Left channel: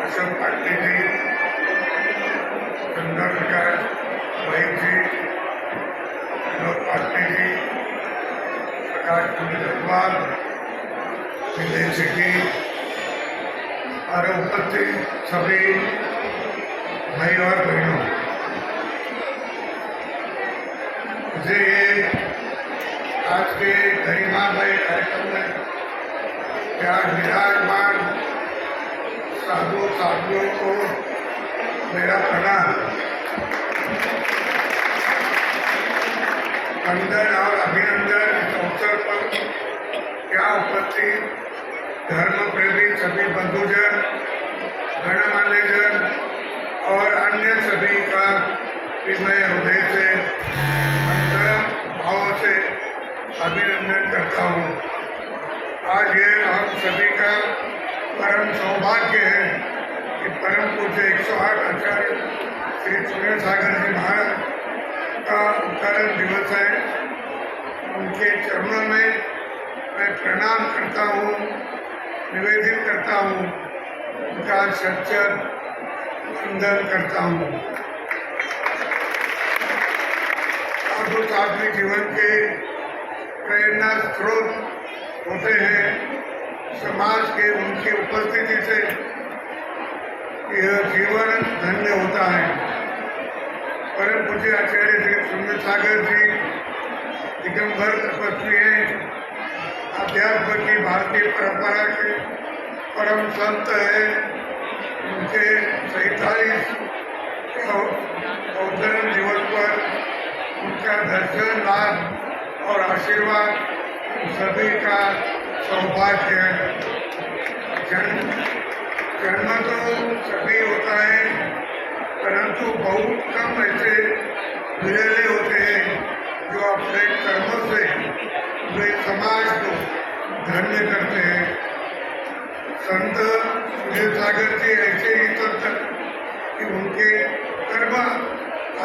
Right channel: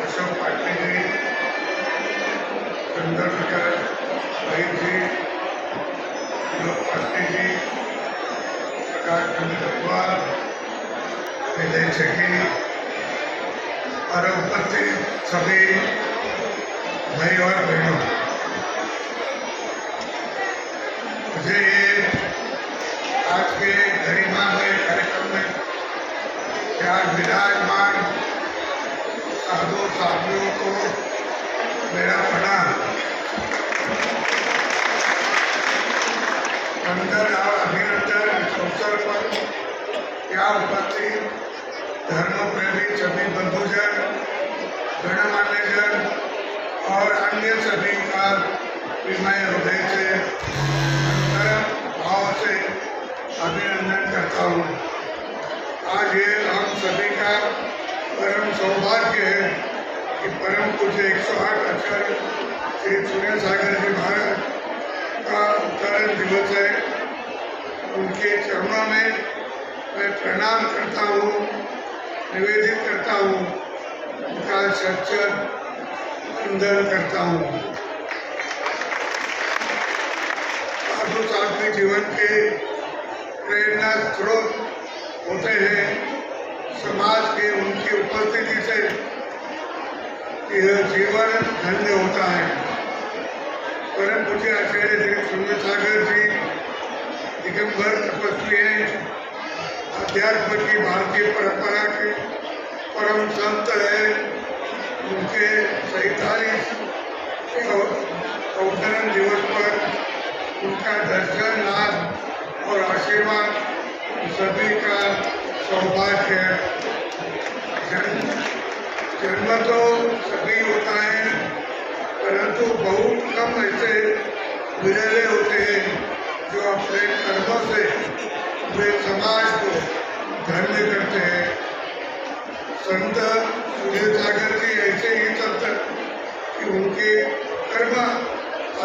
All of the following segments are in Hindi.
अशोक पाटनी जी, चंद्रशेखर भाई जी, विनोद पाटनी जी, प्रकाश चंद्र अग्रवाल, विजय शेट्टी और उपस्थित सभी भाई और बहनों, मुझे ये आज के गरिमामय कार्यक्रम में यहाँ विराजमान साधु साथियों को मेरा प्रणाम। वंदन और अभिनंदन इस अवसर पर यहाँ उपस्थित धर्म प्रेमी सभी बंधुजन, गणमान्यजन और अन्य सभी का मैं हृदय से भाव से अभिनंदन करता हूँ। आज ये हम सभी का परम सौभाग्य है कि परम पूज्य 108 आचार्य श्री सुनील सागर जी महाराज का उत्तरण दिवस है। उनके चरणों में मैं प्रणाम करता हूँ, निवेदित करता हूँ, उनका सच्चर वंदन करता हूँ। साधु साथी जीवन के प्रेरणा स्रोत होते हैं। समाज के उनकी उपस्थिति से यह जीवन धन्य होता है। परम पूज्य आचार्य श्री सुनील सागर जी दिगंबर तपस्वी हैं, अध्यात्म की भारतीय परंपरा के परम संत है। उनके 47 अवतरण दिवस पर उनका दर्शन लाभ और आशीर्वाद सभी का सौभाग्य है। जन्म तो सभी होता है, परंतु बहुत कम ऐसे विरले होते हैं जो अपने कर्मों से वे समाज को धन्य करते हैं। संत सुनील सागर जी ऐसे ही संत कि उनके कर्म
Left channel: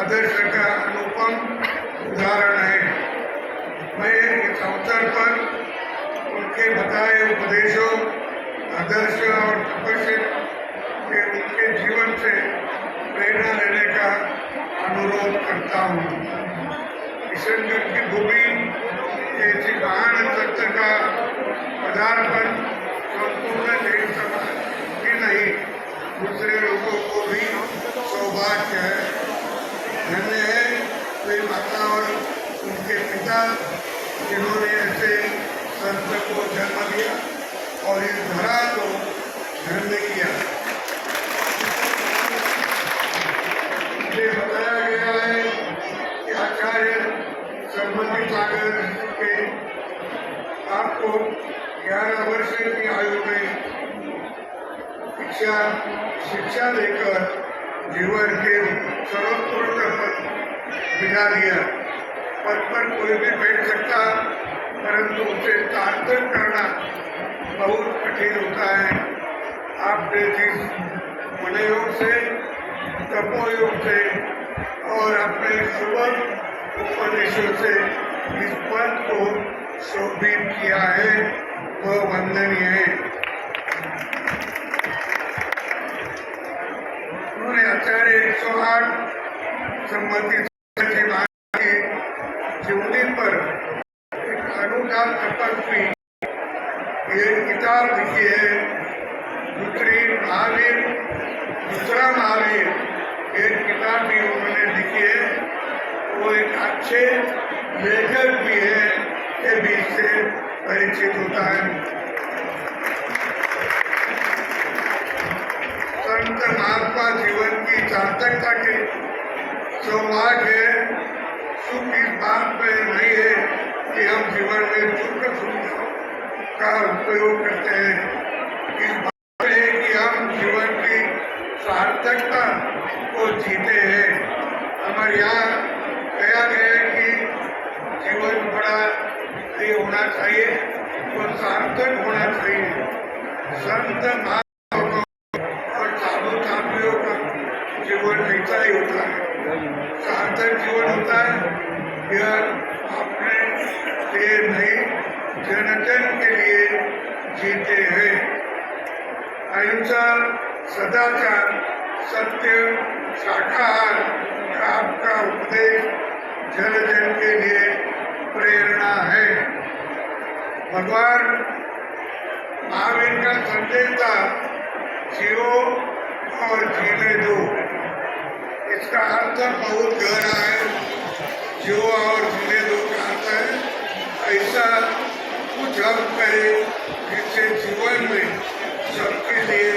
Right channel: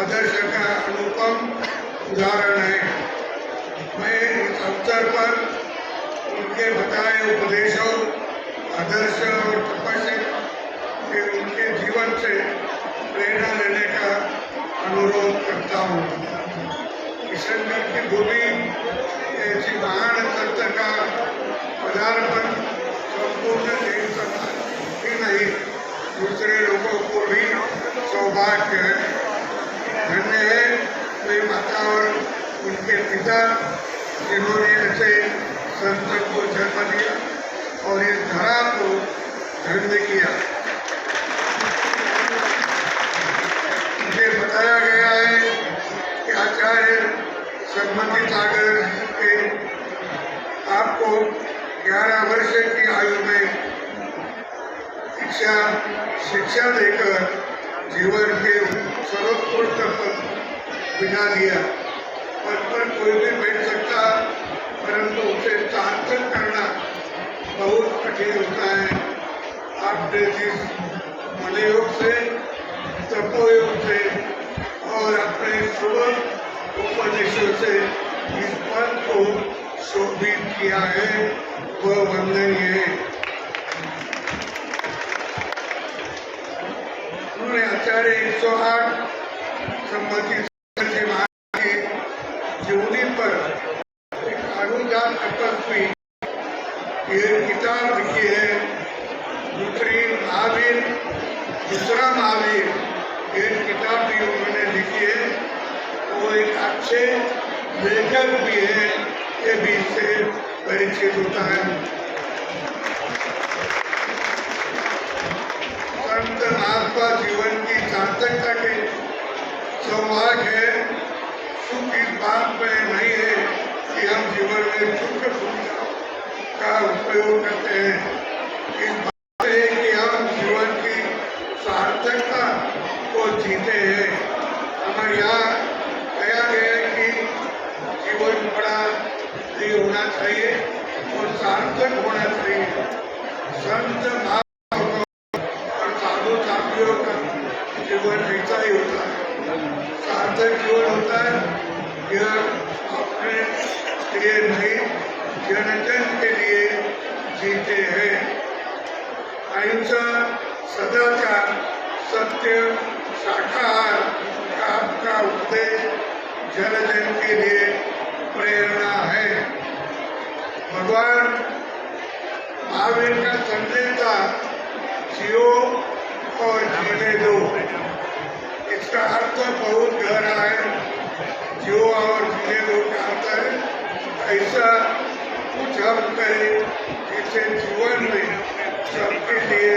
आदर्श का अनुपम उदाहरण है। मैं इस अवसर पर उनके बताए उपदेशों, आदर्श और तपस्या के उनके जीवन से प्रेरणा लेने का अनुरोध करता हूँ। किशनगढ़ की भूमि ऐसी महान सत्य का पदार्पण संपूर्ण देश समाज ही नहीं, दूसरे लोगों को भी सौभाग्य है। धन्य है वे माता और उनके पिता जिन्होंने ऐसे संतों को जन्म दिया और इस धरा को धन्य किया। मुझे बताया गया है कि आचार्य सम्मति सागर के आपको 11 वर्ष की आयु में शिक्षा देकर जीवन के सर्वोत्कृष्ट पद बिठा दिया। पद पर कोई भी बैठ सकता, परंतु उसे सार्थक करना बहुत कठिन होता है। आपने जिस मनयोग से, तपोयोग से और अपने सुबह उपदेशों से इस पद को शोभित किया है, वह वंदनीय है। उन्होंने आचार्य 108 सम्मति तपस्वी ये किताब लिखी है। दूसरी महावीर, दूसरा महावीर ये किताब भी उन्होंने लिखी है। वो एक अच्छे लेखक भी है, ये भी इससे परिचित होता है। संत महात्मा जीवन की सार्थकता के सौभाग्य है। सुख इस बात में नहीं है कि हम जीवन में सुख का उपयोग करते हैं। इस बात में है कि हम जीवन की सार्थकता को जीते हैं। हमारे यहाँ कहा गया है कि जीवन बड़ा ये होना चाहिए और सार्थक होना चाहिए। संत महात्मा और साधु साथियों का जीवन ऐसा ही होता है, सार्थक जीवन होता है। यह अपने लिए नहीं, जन जन के लिए जीते हैं। अहिंसा सदाचार, सत्य, शाकाहार का आपका उपदेश जन जन के लिए प्रेरणा है। भगवान महावीर का संदेश था, जियो और जीने दो। इसका अर्थ बहुत गहरा है। जियो और जीने दो का अर्थ है ऐसा कुछ हम कहे जिससे जीवन में सबके लिए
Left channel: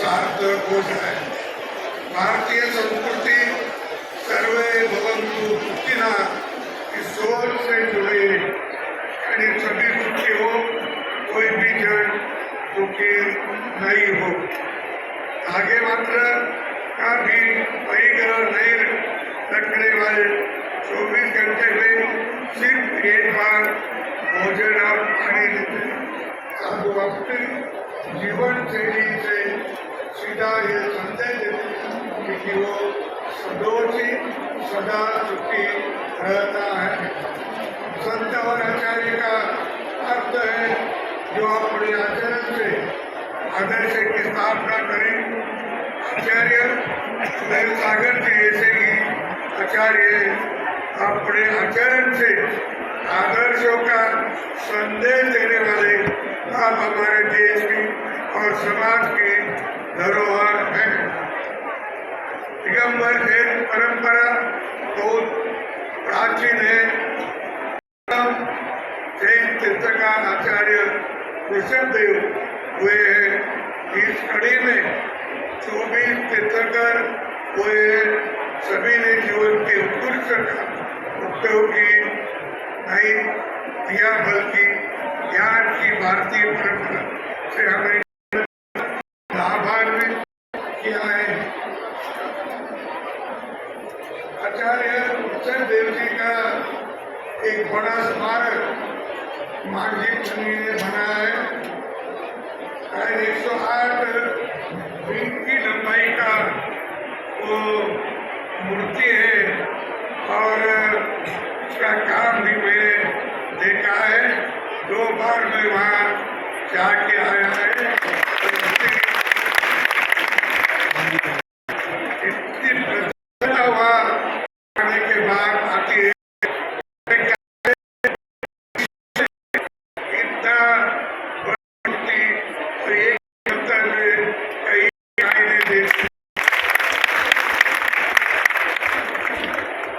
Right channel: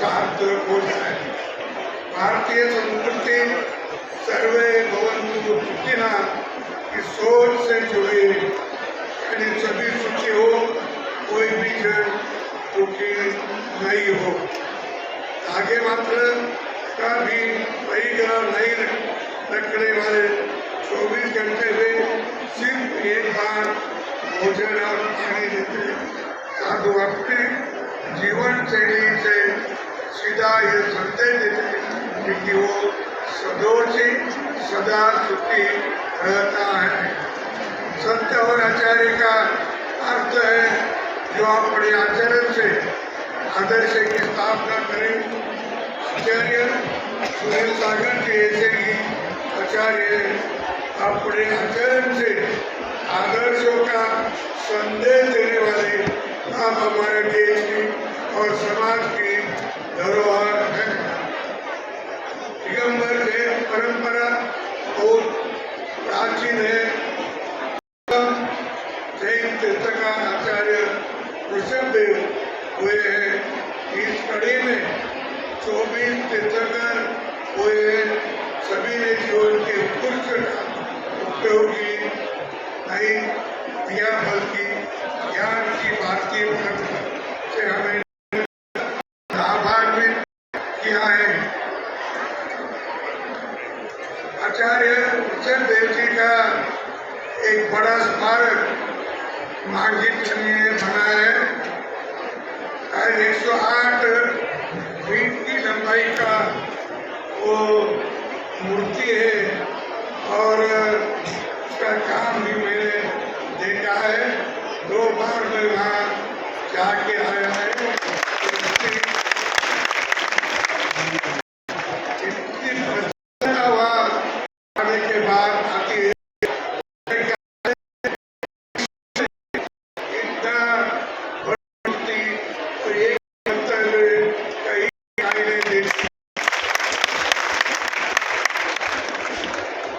सार्थक हो जाए। भारतीय संस्कृति सर्वे भवन्तु सुखिनः की सोच से जुड़े, यानी सभी सुखी हो, कोई भी जन दुखी नहीं हो। आगे मात्र का भी वही ग्रह नहीं रखने वाले 24 घंटे में सिर्फ एक बार भोजन और पानी देते साधु अपने जीवन शैली से सीधा ये संदेश देते कि वो सदोषी सदा सुखी रहता है। संत और आचार्य का अर्थ है जो अपने आचरण से आदर्श की स्थापना करें। आचार्य सुनील सागर के ऐसे ही आचार्य अपने आचरण से आदर्शों का संदेश देने वाले आप हमारे देश की और समाज की धरोहर है। दिगंबर जैन परंपरा बहुत प्राचीन है। जैन तीर्थकार आचार्य ऋषभदेव हुए हैं। इस कड़ी में 24 तीर्थकर हुए हैं। सभी ने जीवन के उत्कृष्ट उपयोगी नहीं दिया, बल्कि ज्ञान की भारतीय परंपरा से हमें लाभान्वित किया है। आचार्य ऋषभदेव जी का एक बड़ा स्मारक मांझी छन्नी ने बनाया है। 108 फीट की लंबाई का वो मूर्ति है और इसका काम भी मैंने देखा है। 2 बार मैं वहाँ जाके आया है। इतनी प्रसन्नता हुआ आने के बाद आती है।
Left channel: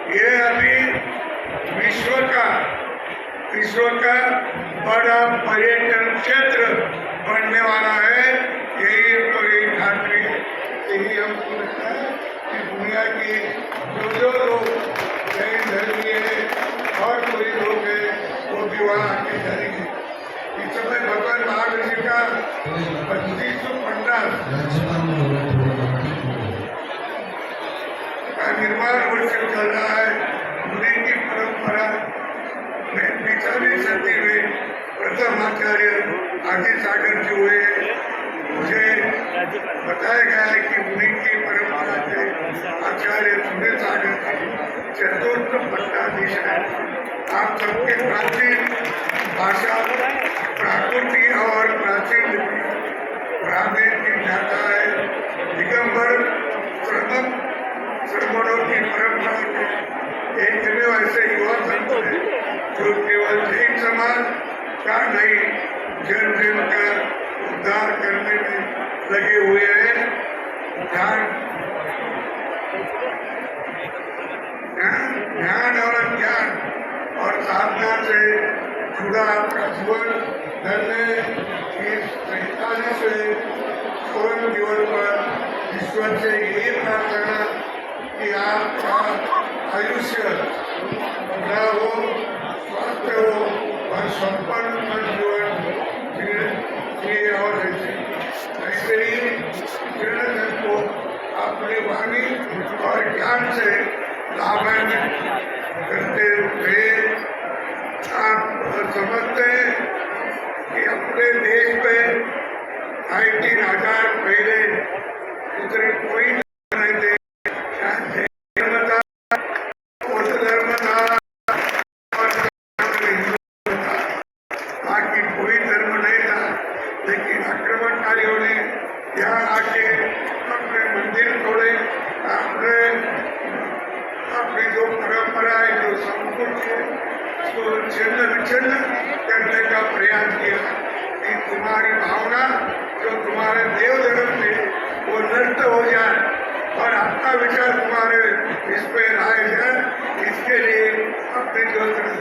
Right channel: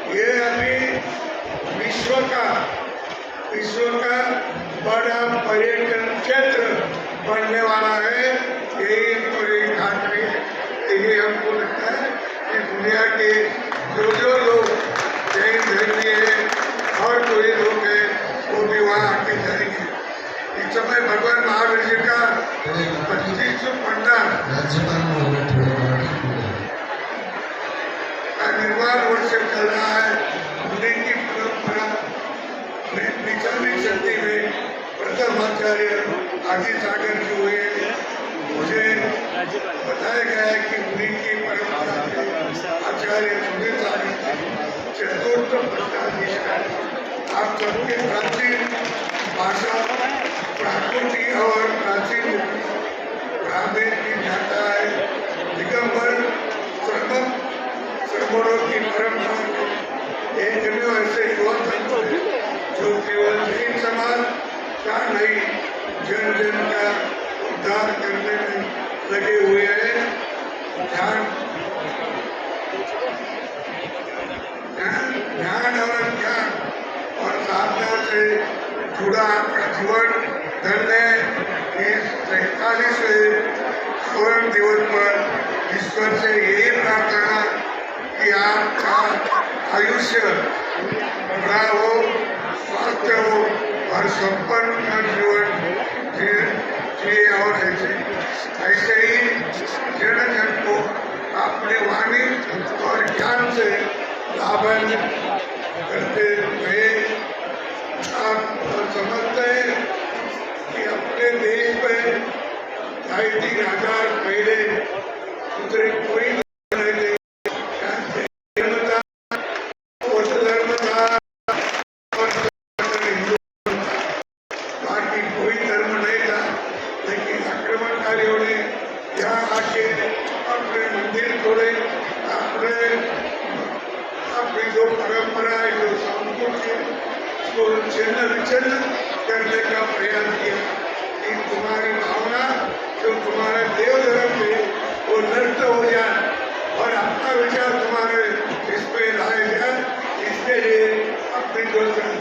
ये अभी विश्व का बड़ा पर्यटन क्षेत्र बनने वाला है। यही खातिर है। यही हमको लगता है कि दुनिया के जो लोग जैन धर्मी है और कोई लोग है वो भी वहाँ आके जाएंगे। इस समय भगवान महावीर जी का 2550 निर्माण वर्ष चल रहा है। मुनि की परंपरा में 45वीं सदी में प्रथम आचार्य आदि सागर जी हुए। मुझे बताया गया है कि मुनि की परंपरा से आचार्य सुनील सागर चतुर्थ पट्टाधीश है। आप सबके प्राचीन भाषा प्राकृति और प्राचीन ग्रामीण की जाता है। दिगंबर श्रमणों की परंपरा में एक ऐसे युवा संत जो केवल एक समाज का नहीं जन जन का उद्धार करने में लगे हुए हैं। ध्यान और ज्ञान और साधना से जुड़ा आपका जीवन धरने इस 43वें स्वर्ण दिवस पर ईश्वर से यही प्रार्थना कि आपका आयुष्य बड़ा हो, स्वस्थ हो और संपन्न जीवन जिए और ऐसे ही जन जन को अपनी वाणी और ज्ञान से लाभान्वित करते हुए आप समझते हैं कि अपने देश में 3,500 पहले दूसरे कोई कोई धर्म नहीं था, लेकिन आक्रमणकारियों ने यहाँ आके आपने मंदिर तोड़े, आपने अपनी जो परंपरा है, जो संस्कृति है, उसको छिन्न विच्छिन्न करने का प्रयास किया। इन तुम्हारी भावना जो तुम्हारे देव जगत में वो नष्ट हो जाए और आपका विचार तुम्हारे इस पे लाया जाए, इसके लिए अपनी जो श्रद्धा